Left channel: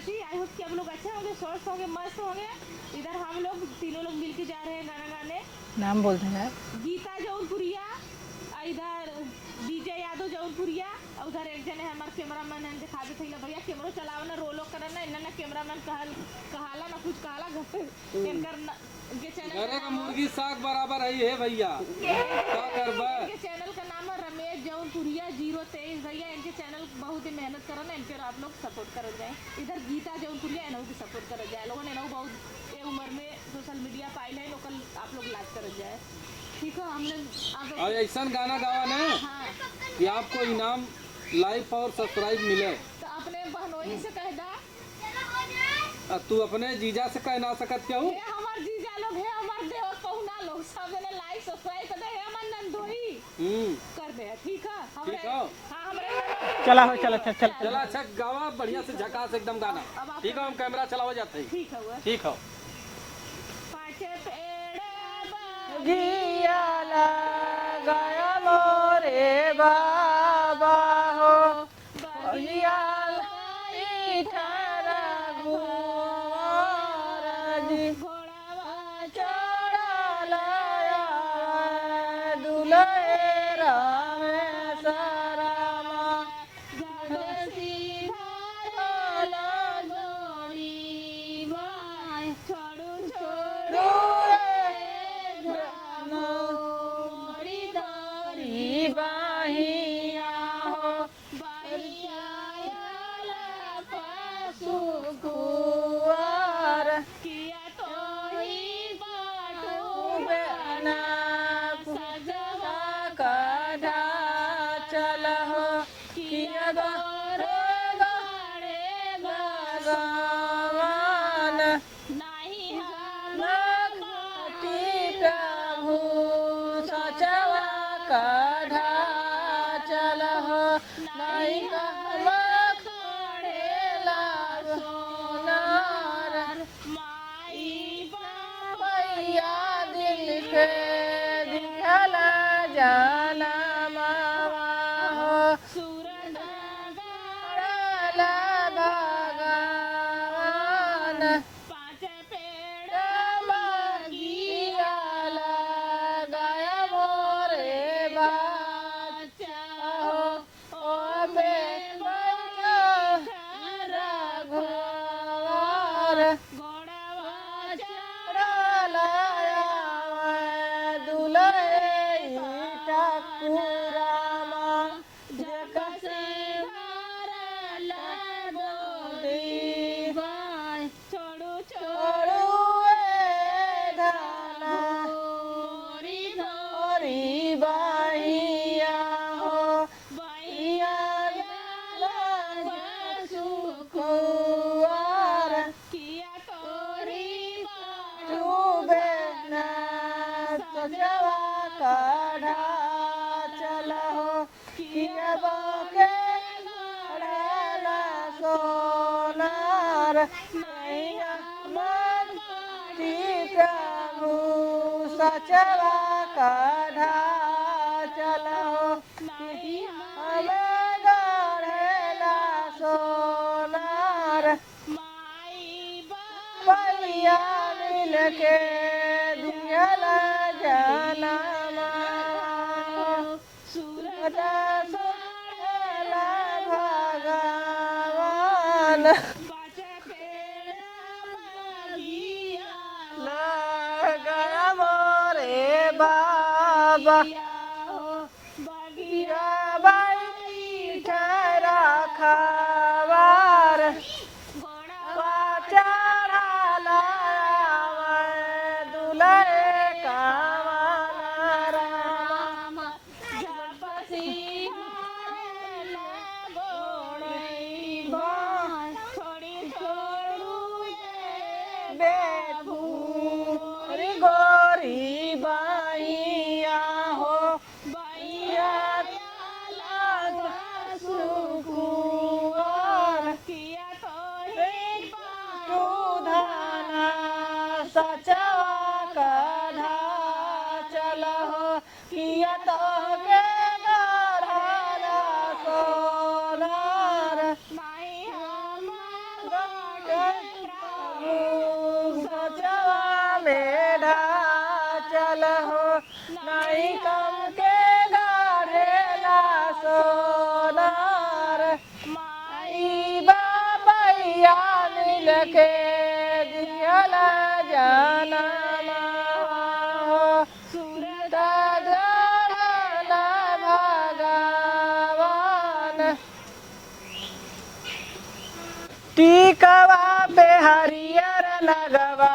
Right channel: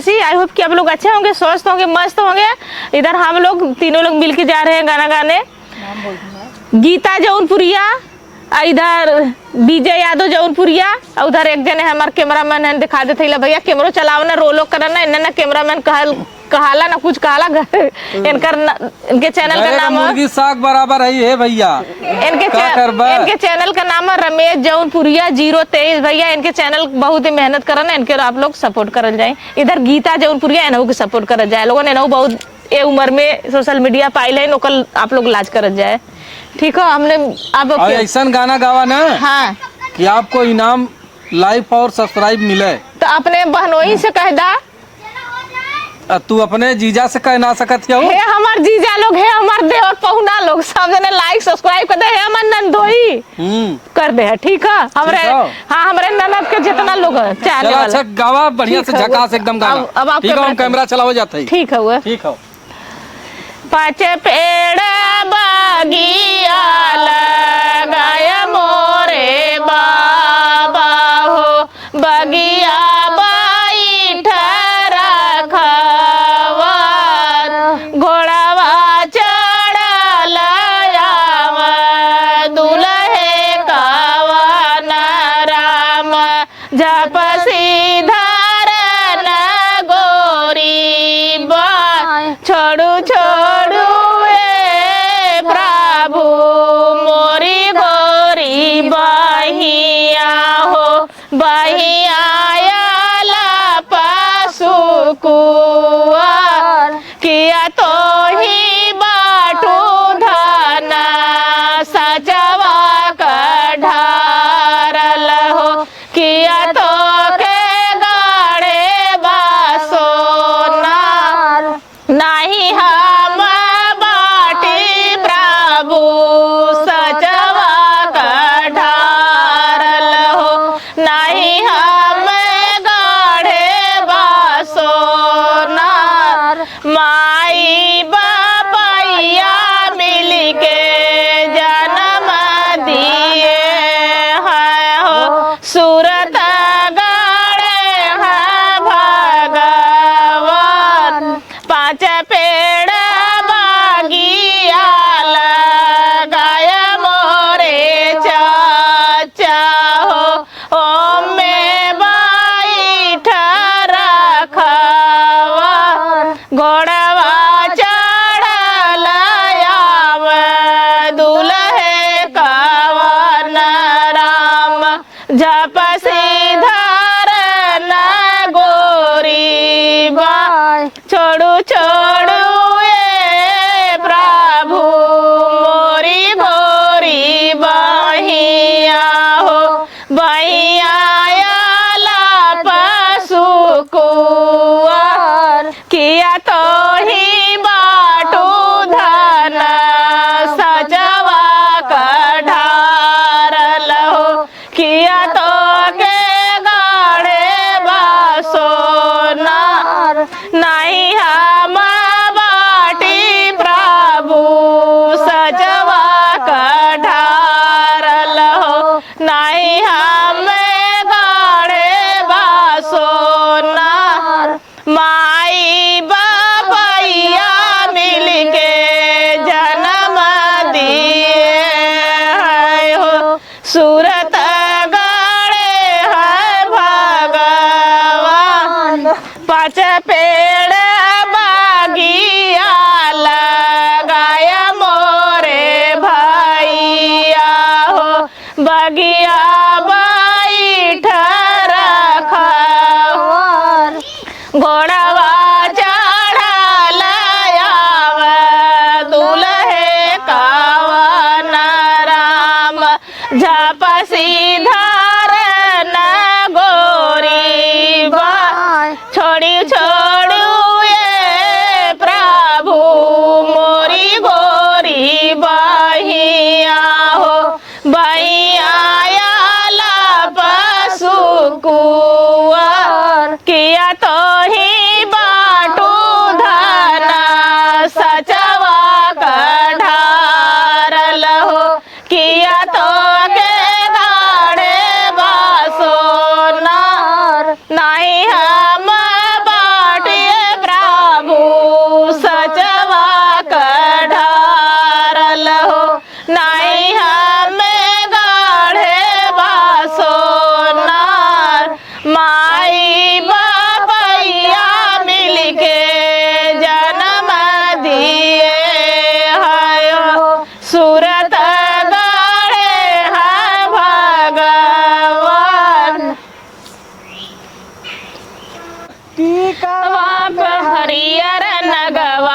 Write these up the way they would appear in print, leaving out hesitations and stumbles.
अविनाशी। I hope कि आप लोग अच्छे होंगे, स्वस्थ होंगे, मस्त होंगे। इधर हम लोग तीनों लोग मिलके जा रहे हैं गाना गाने। गीता जौनपुरिया, इधर विजय यादव जौनपुरिया, उधर एक जने हमारे कैमरामैन है, दिखा देते भैया कैमरा चलावना रोलो करना। इन्हें कैमरामैन कहाला ना कुछ कहाला इनके चैनल का नाम मुर्गी साग बराबर है भैया। इनके चैनल का नाम है रमेश जौनपुरिया 023 भैया। इनके चैनल बहुत ही मेहनत करना, इनके आप लोग सपोर्ट कर जाए। इधर गीता जौनपुरिया इन्हों के सपोर्ट कर जाए लोगों ने, इन्हों बहुत ये उम्र में सोशल मीडिया पाइल है, नोकल आप लोग लाज कर जाए। ठीक है, हमने अब ऐसा गाना गावा ना हाँ कि आपको इनाम लाइक और सब्सक्राइब मिले। तो अपने बहनोई से कह दा, तू अपने जीजा से कह ना सकत है। हमार जीजा लोग है, हमार देवर पहुना लोग सब जने लाइक सब्सक्राइब कर दे है, हमार नंदोई कर दे है। ठीक है, हमरे हाँ हमरे ननद के जितना लोग चाहने वाले। अच्छा गावा बढ़िया से झकास एकदम गाना। अब आप ठीक है, हम कैमरा चलाओ जाते हैं। ठीक है वो ठीक है। पाँच पेड़ बगिया लगाया मोरे बाबा हो, बगिया घोड़ावा चढ़ल दुल्हे कावन राम, जप सीधर न गोरी बा, छोड़ू छोड़ू ए प्रभु मोरी गोरी बहिया हो, बहिया पशु कुआर किया तो ही बाटू धना, सजवा कढ़ारल हो, किया तो के गाड़े बासोना, नहीं हम बाटी प्रभु सजवा कढ़ारल हो, नहीं हम गाड़े बासोना। माई बापैया मिलके जन्म दिए है हो, सूरत गाड़े है भगवान, पाँच पेड़ बागिया लगाया मोरे चाचा हो, ओ में बैठ रखवा घोड़वा चढ़ल दुल्हे कावन राम, जप सीधर न गोरी बा, छोड़ू छोड़ू ए प्रभु मोरी गोरी बहिया हो, बहिया पशु कुआर किया तो ही बाटू धना, सजवा कढ़ारल हो, किया तो के गाड़े बासोना, नहीं हम बाटी प्रभु सजवा कढ़ारल हो, नहीं हम गाड़े बासोना। माई बापैया मिलके जन्म दिए है हो, सूरत गाड़े है भगवान, पाँच पेड़ बागिया लगाया मोरे भैया हो, बगिया बैठ रखवार, घोड़वा चढ़ल दुल्हे कावन राम, झप सीधर न गोरी बा, छोड़ी छोड़ू ए प्रभु मोरी गोरी बहिया हो, बहिया पशु कुआर किया तो ही बाटू धना, सचवा कढ़ारल हो, किया तो के गाड़े बासोना, नहीं हम टीकवा पे हरियर नगवा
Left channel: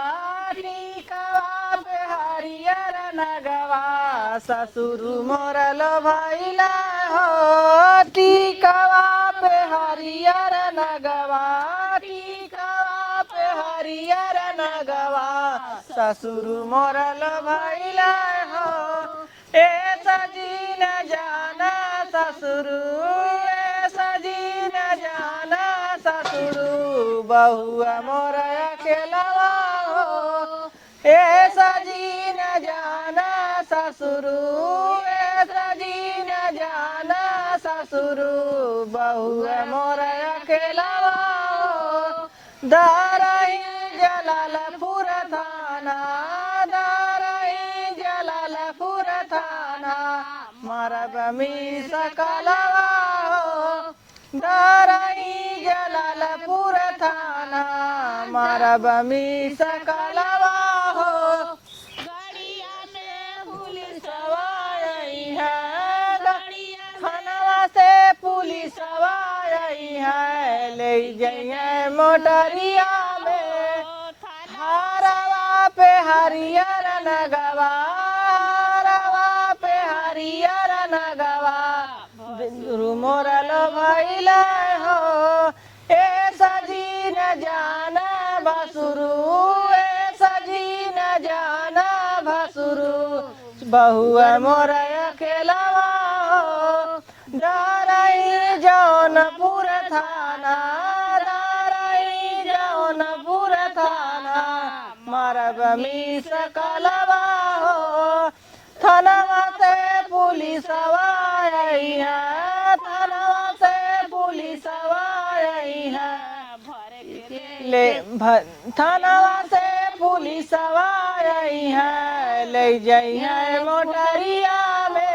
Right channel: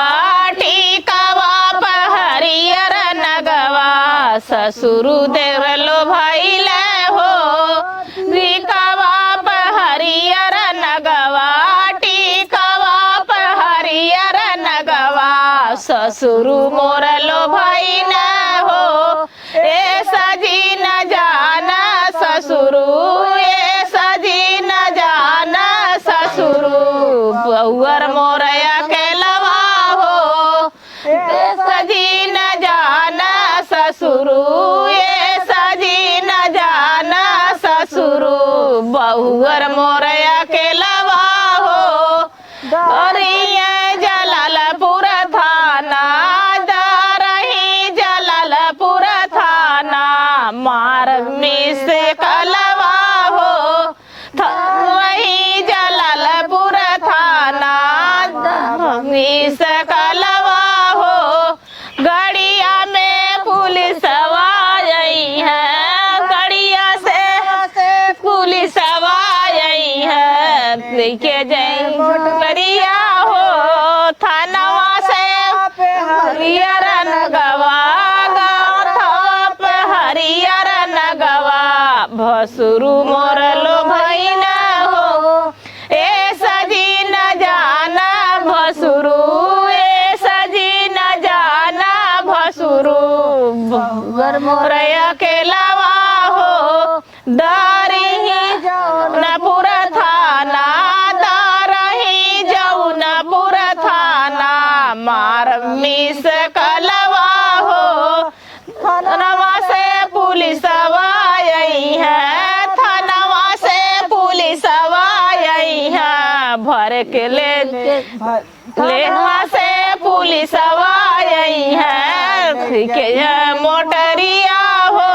टीकवा पे हरियर नगवा ससुर देवर लो भइले हो टीकवा पे हरियर नगवा टीकवा पे हरियर नगवा ससुर मोर लो भइले हो ए सजी न जाना ससुर ए सजी न जाना ससुर बहुअर मोर अकेलवा हो ए सजी न जाना ससुर ए सजी न जाना ससुर बहुअर मोर अकेलवा हो दरिया जलालपुर थाना दरही जलालपुर थाना मार मिस कलवा हो वही जलालपुर थाना मिस कलवा हो गड़िया में पुलिस आई है गड़िया से पुलिस आई है देखे जय गड़िया हो थानवा से हरियर नगवा गाथाप हरियर नगवा भसुरु मोर लो भइना हो ए सजी न जाना भसुरु ए सजी न जाना भसुरु बहुअर मोर अकेलवा हो दरही जौनपुर थाना दरही जौनपुर थाना मार मिस कलवा हो थानवा से पुलिस आई है थानवा से पुलिस आई है भर के लेवा से पुलिस आई है के मोटरिया हो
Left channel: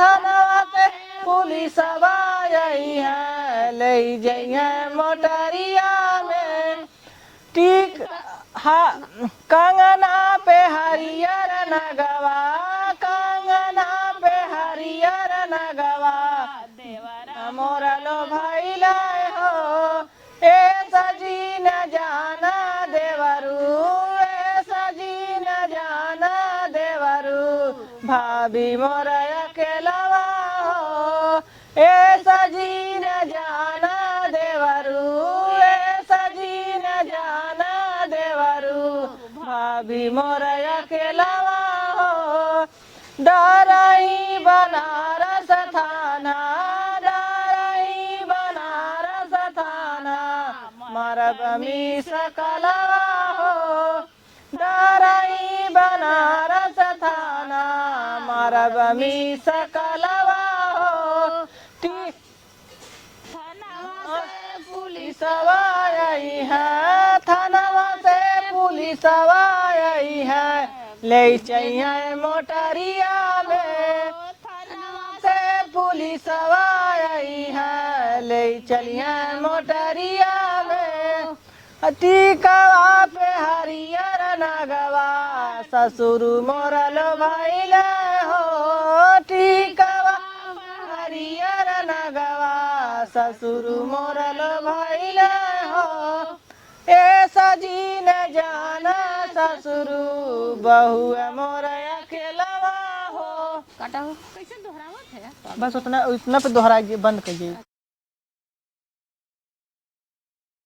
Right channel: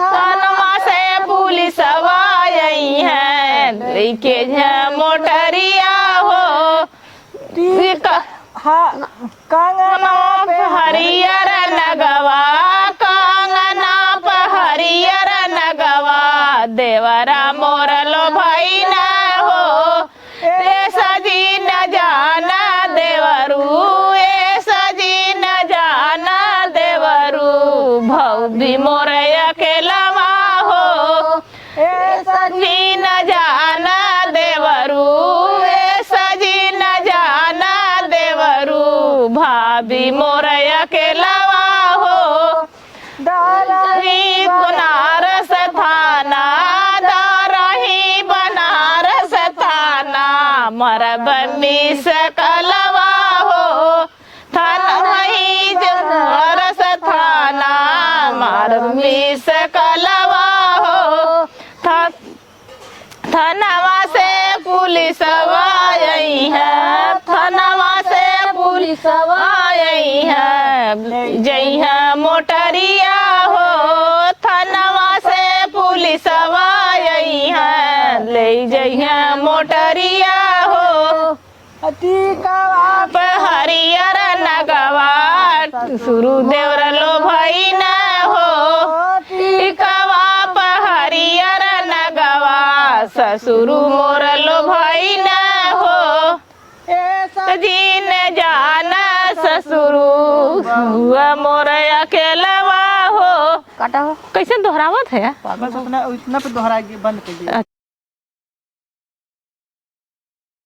थानवा से पुलिस आई है के मोटरिया हो कंगना पे हरियर नगवा कंगना पे हरियर नगवा देवरा मोर लो भइना हो ए सजी न जाना देवरू ए सजी न जाना देवरू भौजी मोर अकेलवा हो ए सजी न जाना देवरू ए सजी न जाना देवरू भाभी मोर अकेलवा हो दरही बनारस थाना दरही बनारस थाना मरब मिस कलवा हो थानही बनारस थाना मरब मिस कलवा हो थानवा से पुलिस आई है थानवा से पुलिस आई है ले जइहा मोटरिया हो थानवा से पुलिस आई है ले जइहा मोटरिया हो टीकवा पे हरियर नगवा सुरु देवर लो भइना हो टीकवा पे हरियर नगवा ससुरु मोर लो भइना हो ए सजी न जाना ससुरु बहुआ मोर अकेलवा हो काटा हो कैसे दोहरावत है बस उतना उतना पे दोहरा के बंद कर दिया।